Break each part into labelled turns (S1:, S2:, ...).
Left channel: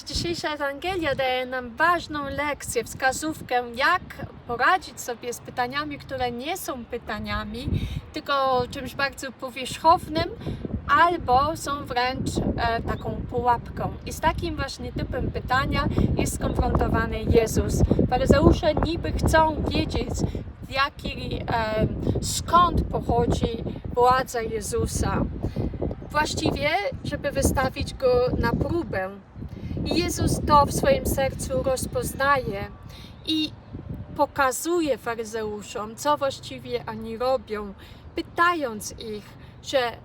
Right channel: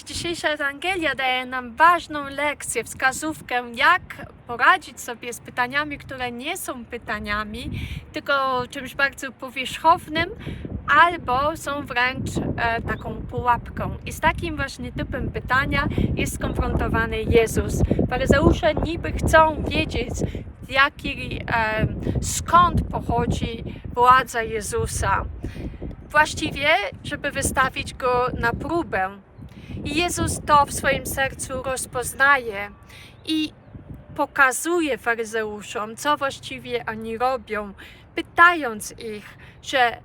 S1: Dzisiejsza Ewangelia daje nam ważną lekcję, wskazówkę, jak poradzić sobie z pytaniami, które nie są pytaniami, tylko czymś bardzo powierzchownym, albo są wręcz e, taką pułapką. I z takim właśnie typem pytania jest skonfrontowany Jezus. Faryzeusze niby chcą wiedzieć, jaki, e, skąd pochodzi władza Jezusa. Właściwie, żeby wystawić go na próbę. Jezus to w swoim sercu rozpoznaje i pokazuje faryzeuszom, co właściwie oni robią, pytając ich, że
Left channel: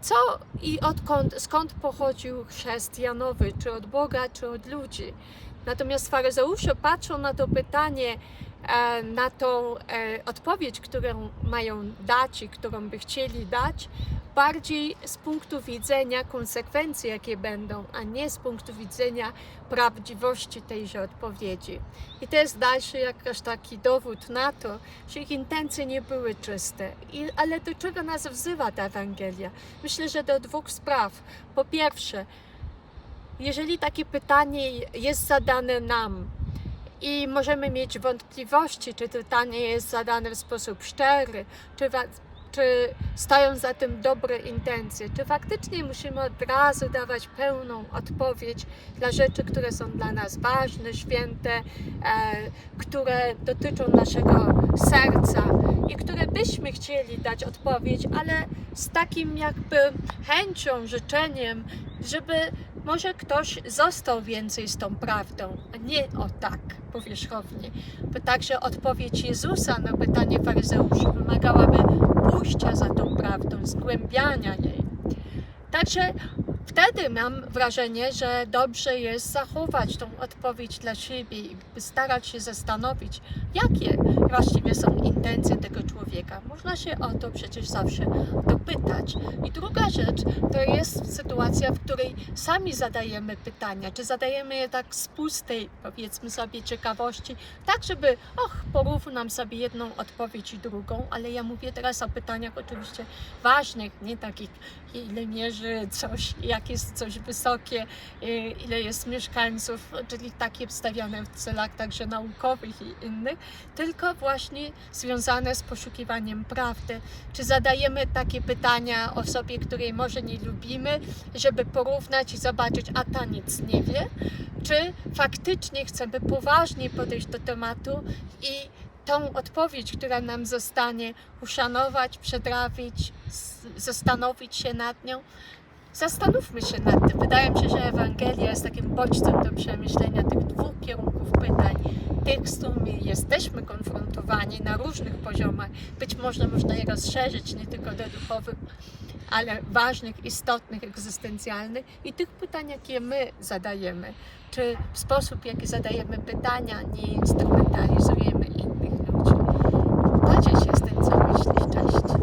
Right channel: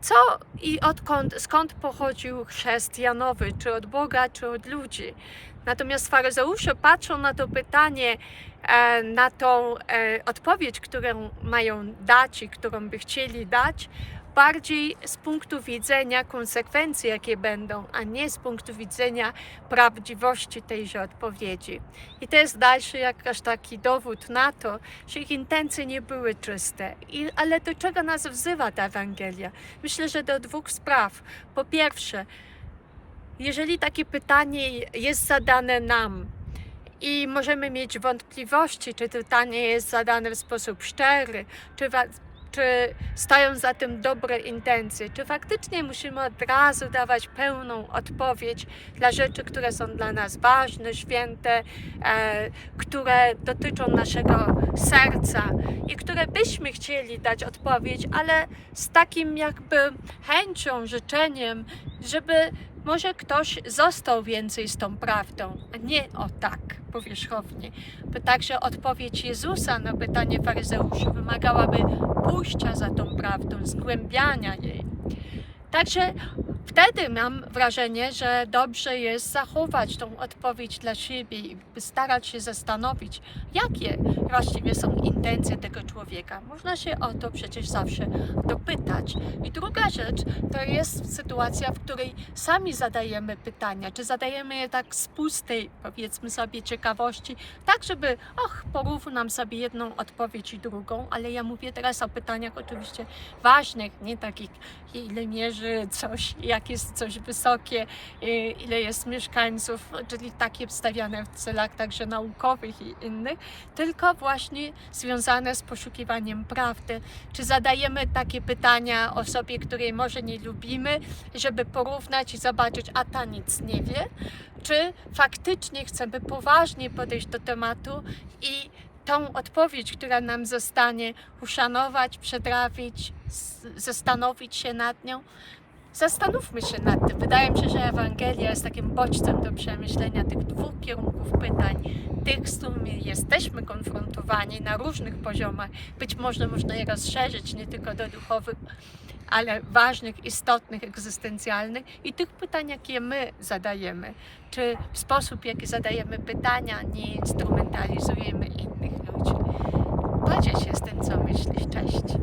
S1: co i odkąd, skąd pochodził chrzest Janowy, czy od Boga, czy od ludzi. Natomiast faryzeusze patrzą na to pytanie, e, na tą e, odpowiedź, którą mają dać i którą by chcieli dać, bardziej z punktu widzenia konsekwencji, jakie będą, a nie z punktu widzenia prawdziwości tejże odpowiedzi. I to jest dalszy jakaś taki dowód na to, że ich intencje nie były czyste. I, ale do czego nas wzywa ta Ewangelia? Myślę, że do dwóch spraw. Po pierwsze, jeżeli takie pytanie jest zadane nam, i możemy mieć wątpliwości, czy pytanie jest zadane w sposób szczery, czy, czy stoją za tym dobre intencje, czy faktycznie musimy od razu dawać pełną odpowiedź dla rzeczy, które są dla nas ważne, święte, e, które dotyczą naszego serca i które byśmy chcieli dać odpowiedź, ale z takim jakby chęcią, życzeniem, żeby może ktoś został więcej z tą prawdą, a nie o tak powierzchownie. Bo także odpowiedź Jezusa na pytanie faryzeuszy wymagałaby pójścia za tą prawdą, zgłębiania jej. Także wtedy mam wrażenie, że dobrze jest zachować tą odpowiedź dla siebie i starać się zastanowić, jakie właściwie są intencje tego człowieka. Można się o to przecież zawsze dopytać. I druga rzecz to jest sytuacja, w której sami zadajemy pytania, czy zadajemy je tak z pustej, powiedzmy sobie, ciekawości, tak żeby, och, porównam sobie jedną odpowiedź i drugą, ale ja mówię teraz o pytaniach oczywiście ważnych, nie takich, ile mierzy coś, jak jest coś wysokie, y, ile jest mieszkańców, czyli takie wstawiane w celach także naukowych i innych, tylko właśnie związane z poszukiwaniem prawdy. Czy zadajemy takie pytania osobie, której może nie lubimy, żeby porównać i zobaczyć, a ta nic nie wie? Czy faktycznie chcemy poważnie podejść do tematu i tą odpowiedź, która nam zostanie, uszanować, przedrawić, zastanowić się nad nią? Zastanówmy się nad tym. Wydaje mi się, że Ewangelia jest takim bodźcem do przemyślenia tych dwóch kierunków pytań, tych, z którymi jesteśmy konfrontowani na różnych poziomach. Być może można je rozszerzyć nie tylko do duchowych, ale ważnych, istotnych, egzystencjalnych i tych pytań, jakie my zadajemy. Czy w sposób, jaki zadajemy pytania, nie instrumentalizujemy innych ludzi. Podziel się z tym, co myślisz. Cześć.